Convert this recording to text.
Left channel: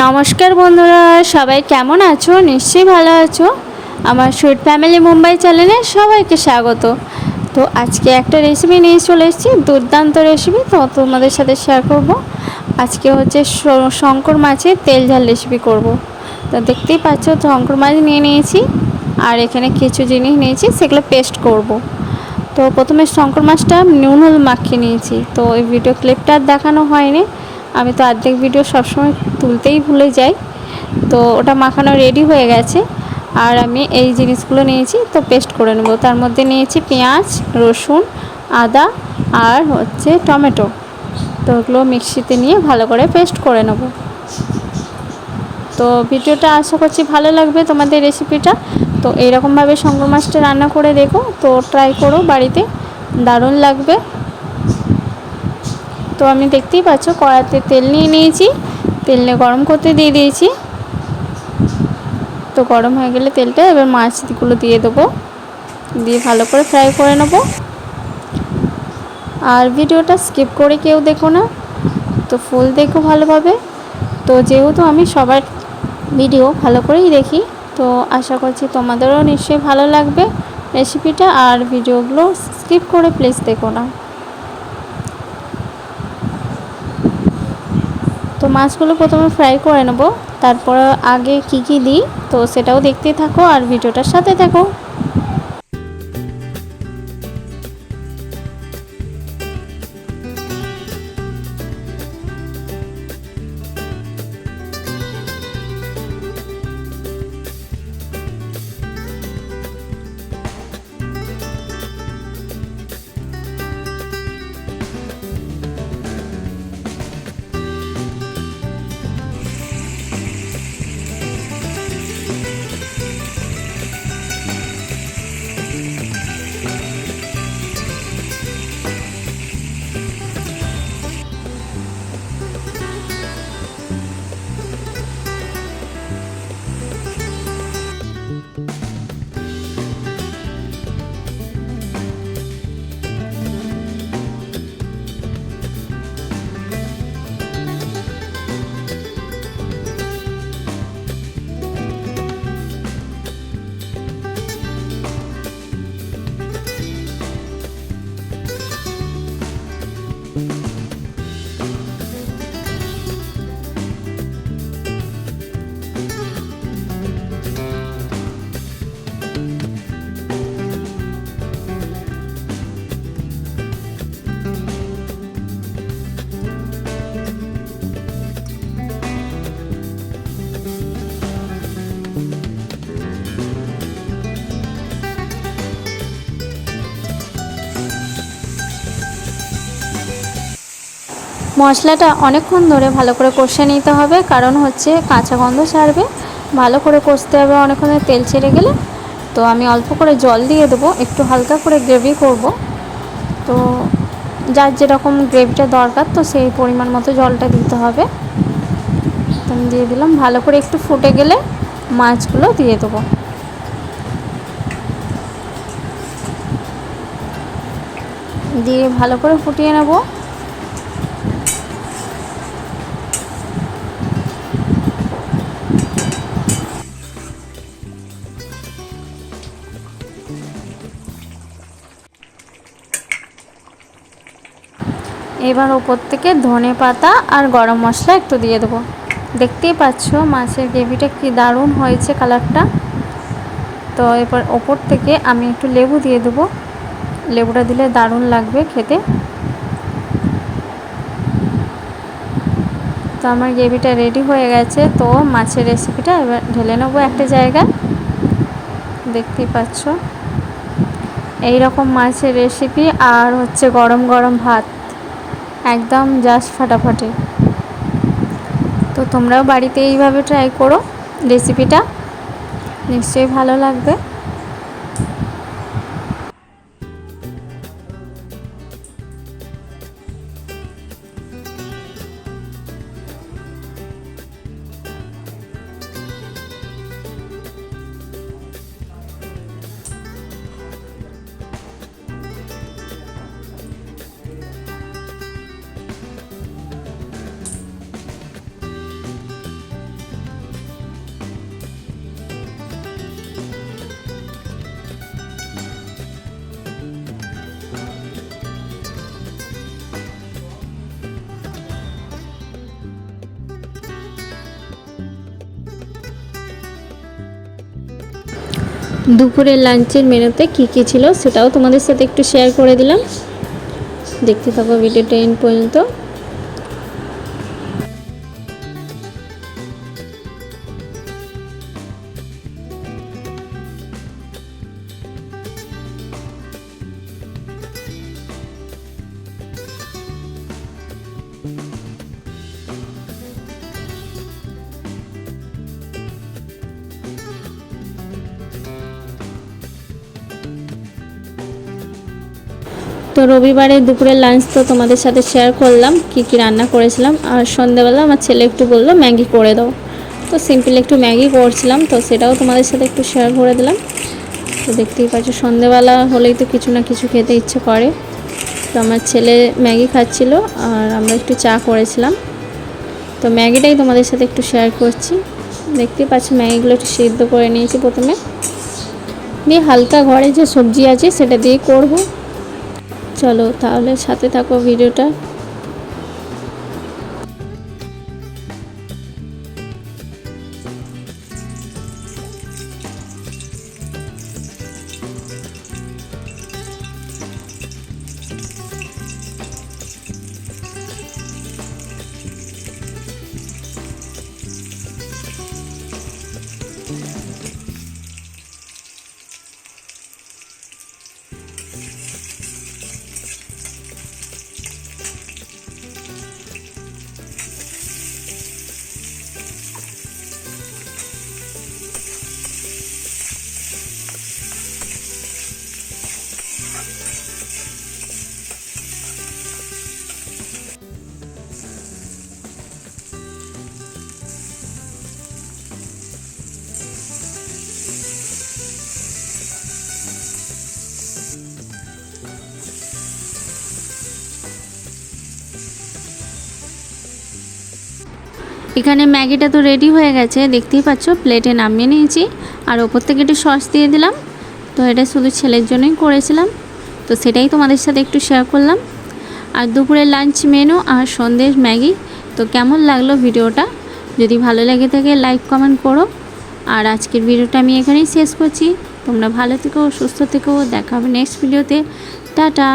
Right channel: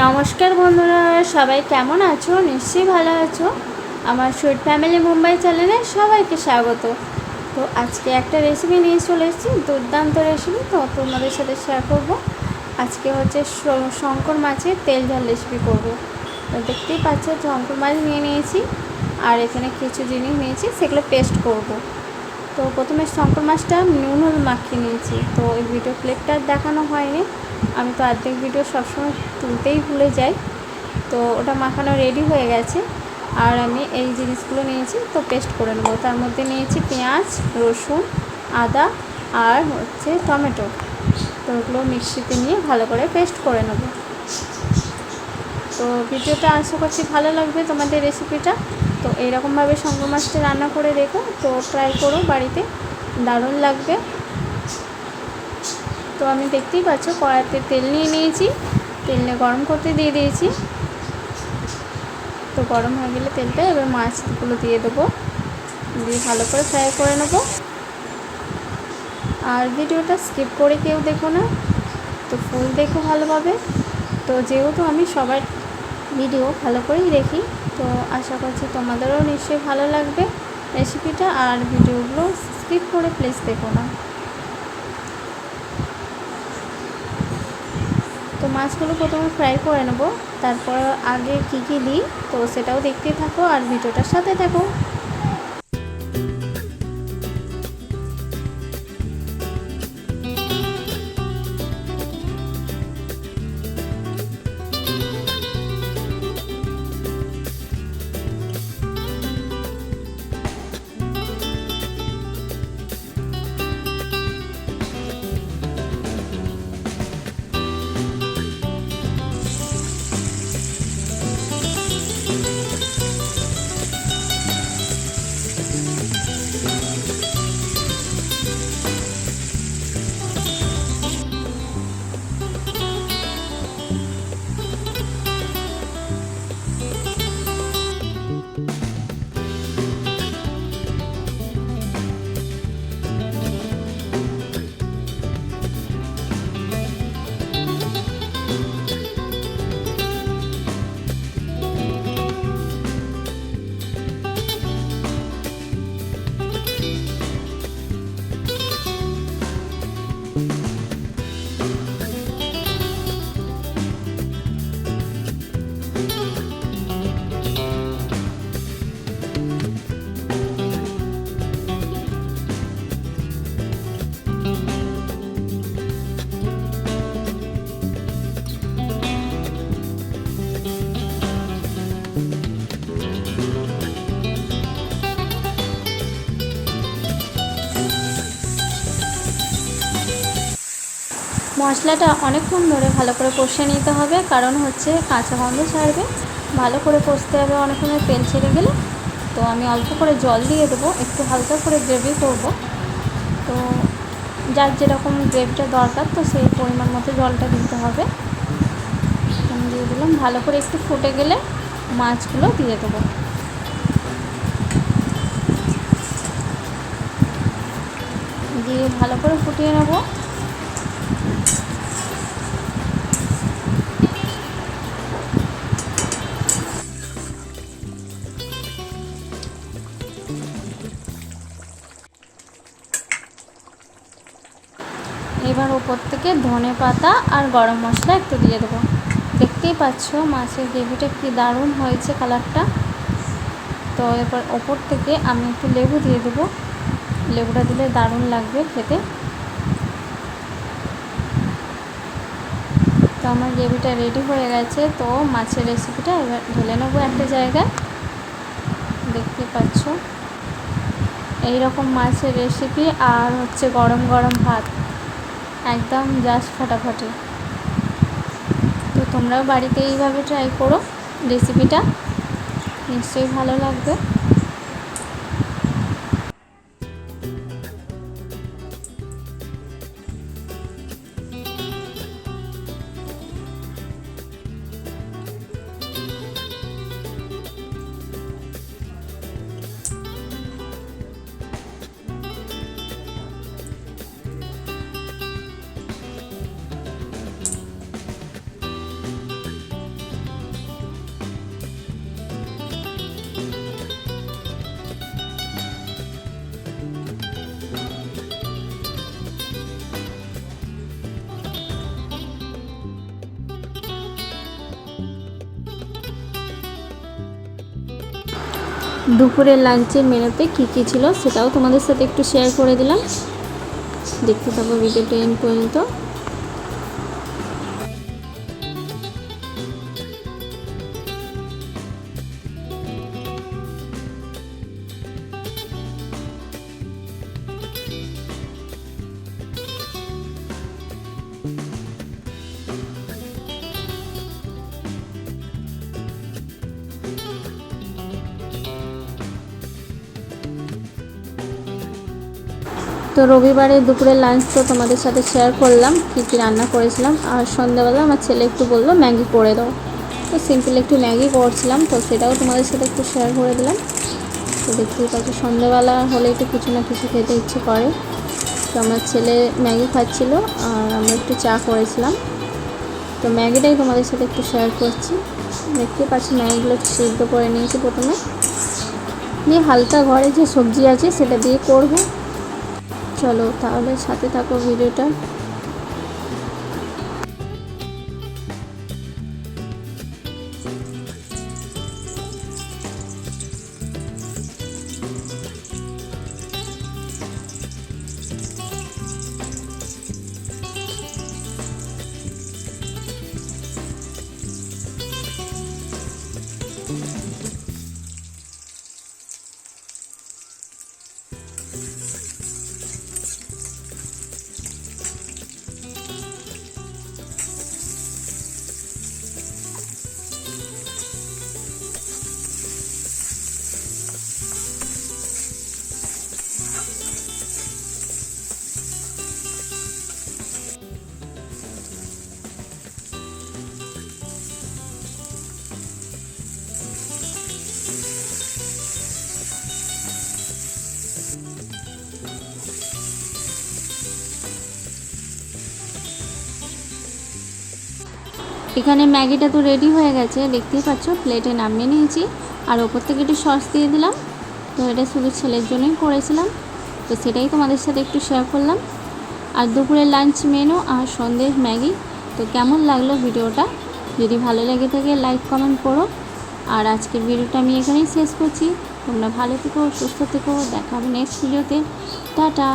নমস্কার বন্ধুরা, সবাই কেমন আছো? নিশ্চয়ই ভালো আছো। আমার সুইট ফ্যামিলি মুম্বাই চ্যানেলে সবাইকে স্বাগত। তো আজকে একটা রেসিপি নিয়ে চলে এসেছি, দুর্দান্ত রেসিপি তো তোমাদের সাথে শেয়ার করব। আজকে হচ্ছে শঙ্কর মাছের তেল ঝাল রেসিপি করব। তো দেখতেই পাচ্ছ, শঙ্কর মাছ নিয়ে নিয়েছি, আর এখানে কিছু জিনিস নিয়েছি, সেগুলো পেস্ট করব। তো প্রথমে শঙ্কর মাছটা নুন হলুদ মাখিয়ে নিয়েছি, তো ওই ভিডিও ক্লিপটা দেখানো হয়নি। আমি তো অর্ধেক ভিডিও সবসময় তুলতেই ভুলে যাই। তো ওটা মাখানো রেডি হয়ে গেছে। আর আমি এই জিনিসগুলো নিয়েছি, তো পেস্ট করে নেব। তার মধ্যে নিয়েছি পেঁয়াজ, রসুন, আদা আর হচ্ছে টমেটো। তো ওগুলো মিক্সিতে নিয়ে ভালো করে পেস্ট করে নেব। তো ভিডিওটা আশা করছি ভালো লাগবে তোমাদের রেসিপিটা তো এইরকমভাবে সঙ্গ মাছটা রান্না করে দেখো। তো ট্রাই করো, বাড়িতে দারুণ লাগবে। তো আমি দেখতেই পাচ্ছ কড়াতে তেল নিয়ে নিয়েছি। তেল নিয়ে গরম করতে দিয়ে দিয়েছি। তো গরম হয়ে গেলে তেলটা এবার মাছগুলো দিয়ে দেবো। দিয়ে ভালো করে ফ্রাই করে নেব। আর ভিডিওটা স্কিপ করে কেউ দেখো না, তো ফুল দেখো ভালোভাবে। তো যেহেতু আমি সবার ভিডিও ভালো করেই দেখি, তো আশা করছি তোমাদেরও নিশ্চয়ই ভালো লাগবে রেসিপিটা। আর ভিডিওগুলো স্কিপ করে প্লিজ দেখো না। তো মাছগুলো প্রথমে ফ্রাই করে নেব। তারপর আগে কি কি দিই, তো সেটাও দেখতে থাকো আর ভিডিওটার সাথে থাকো। মশলাটা অনেকক্ষণ ধরে ভালো করে কষে নিতে হবে। কারণ হচ্ছে কাঁচা গন্ধ ছাড়বে। ভালো করে কষতে হবে অনেকক্ষণ তেল ছেড়ে গেলে। তো আমি অল্প করে জল দিয়ে দেবো। একটু হালকা করে গ্রেভি করব। তো যার যেরকম গ্রেভিটা দরকার, তো সেই পরিমাণ মতো জলটা দিতে হবে। দিয়ে দিলাম। ভালো করে একটু ফুটে গেলে মাছগুলো দিয়ে দেবো। দিয়ে ভালো করে ফুটিয়ে নেব। এবার ওপর থেকে ধনে পাতা আর গরম মশলা একটু দিয়ে দেবো। দেখতেই পাচ্ছ মাছের গ্রেভিটা কি দারুণ হয়েছে কালারটা। তো এবার ওপর থেকে আমি একটু লেবু দিয়ে দেবো। লেবুটা দিলে দারুণ লাগবে খেতে। তো আমার গ্রেভিটা রেডি হয়ে গেছে। তো মাছের রেসিপিটা এবার ঢেলে নেব একটা জায়গায়। দেখতেই পাচ্ছ। এই রকম মাছের রেসিপি আর হচ্ছে গরম গরম ভাত। একদম জাস্ট ফাটাফাটি। তো তোমরাও বাড়িতে এইভাবে ট্রাই করো রেসিপিটা নিশ্চয়ই ভালো লাগবে। দুপুরের লাঞ্চের মেনুতে কী কী ছিল সেটাও তোমাদের সাথে একটু শেয়ার করে দিলাম। দেখতে থাকো ভিডিওটা এন্ড পর্যন্ত। তো রবিবারে দুপুরের লাঞ্চ তো তোমাদের সাথে শেয়ার করলাম, কী কী রান্না করেছিলাম। আর সন্ধ্যেবেলা আমার ছেলে একটু বলল ম্যাগি করে দাও। তো সিম্পল একটু ম্যাগি করছিলাম, তো সেটাও তোমাদের সাথে একটু শেয়ার করে দিলাম। তো দেখতেই পাচ্ছ, সন্ধ্যেবেলা হলেই তো কিছু না কিছু খেতে ইচ্ছে করে। তো আমার ছেলে ম্যাগি খাচ্ছিল, আর আমরা একটু চা করেছিলাম। তো ম্যাগিটাই তোমাদের সাথে একটু শেয়ার করছি। দেখতেই পাচ্ছি ম্যাগিগুলো একটু সিদ্ধ করে নিয়েছি প্রথমে। দিয়ে হালকা ঘরে যে সবজি আছে, সেটা দিয়ে করব। চলো তাহলে সাথে থাকো ভিডিওটা। এখানে ম্যাগিটা তো রেডি হয়ে গেছে। দেখতেই পাচ্ছ প্লেটে নামিয়ে নিয়েছি। আর ওপর থেকে একটু সস দিয়ে দিলাম। তো এটা শুধু ছেলের জন্যই করেছিলাম। তো সেটাই তোমাদের সাথে একটু শেয়ার করলাম। আর দুপুরের লাঞ্চ মেনু আর সন্দেশ ম্যাগি। তো কেমন লাগল ভিডিওটা? যদি ভালো লেগে থাকে লাইক কমেন্ট করো। আর আজকের ভিডিওটা আমি এখানেই শেষ করছি। তোমরা ভালো থেকো, সুস্থ থেকো। দেখা হবে নেক্সট ভিডিওতে টাটা!